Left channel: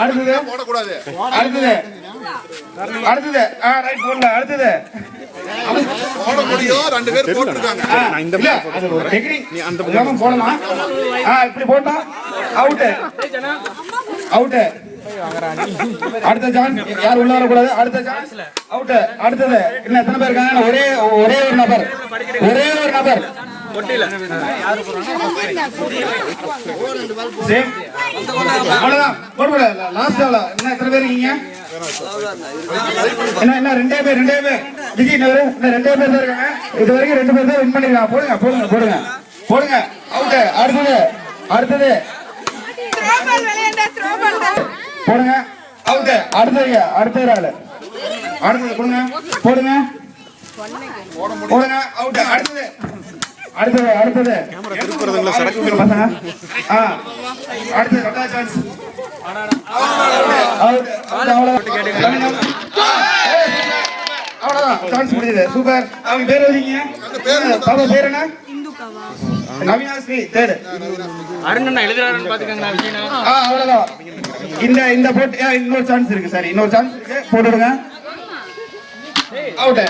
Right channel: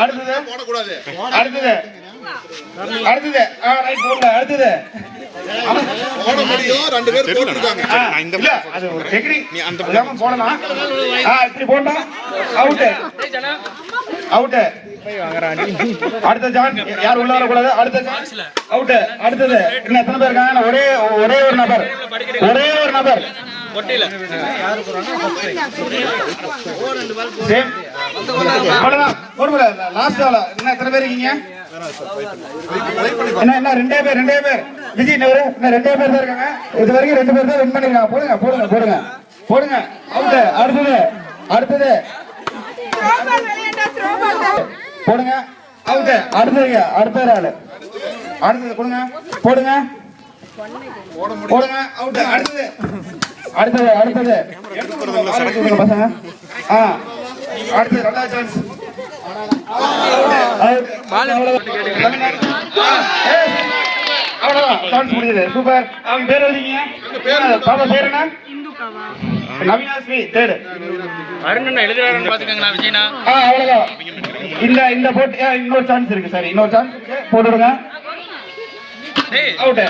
அடுத்தது அடுத்தது அடுத்தது ரைட் போடல அடுத்தது போட முடியும். 2 பேர் போட்டுருக்காங்க. அது ஒரு டெக்னிக். நீ அந்த பக்கம் போடலாம். இப்படி போட்டா அவுட் அவுட். அடுத்த சான்ஸ் யார் உள்ள வர கூடாது. அடுத்த சான்ஸ் அவுட். அடுத்தது இன்னும் எத்தனை பேர் இருக்காங்க? ஒரே ஒரு நபர் ஒட்டில யாரு போறாங்க? சேம் அவ்வளவுதான். போடுங்க. லாஸ்ட் ஆளா இன்னும் எத்தனை பேர் இருக்கீங்க? என்ன ரெண்டே பேர் விஜய் இன்னும் 2 பேர் தான் இருக்காங்க. இது வரைக்கும் 2 பேர் தான் வின் பண்ணிருக்காங்க. போடுங்க அவுட். அடுத்தது போடுங்க அவுட். அடுத்த ஆளு போடுங்க அவுட். அடுத்தது அடுத்தது சான்ஸ் அவ்வளவுதான். சான்ஸ் முடிஞ்சது. சூப்பர். அவங்க பேர் எழுதிங்க. பாப்பா பேர் என்ன? நவீனாஸ்ரீ தேர்ட். அருண் எழுதுறாருன்னு பாத்துக்கங்க விஜயனா. அவ்வளவுதான். இந்த போட்டு இன்னொரு சான்ஸ் இருக்கு. சரி இன்னொரு சான்ஸ் இருக்கு. போட்டுடுங்க. அவுட்.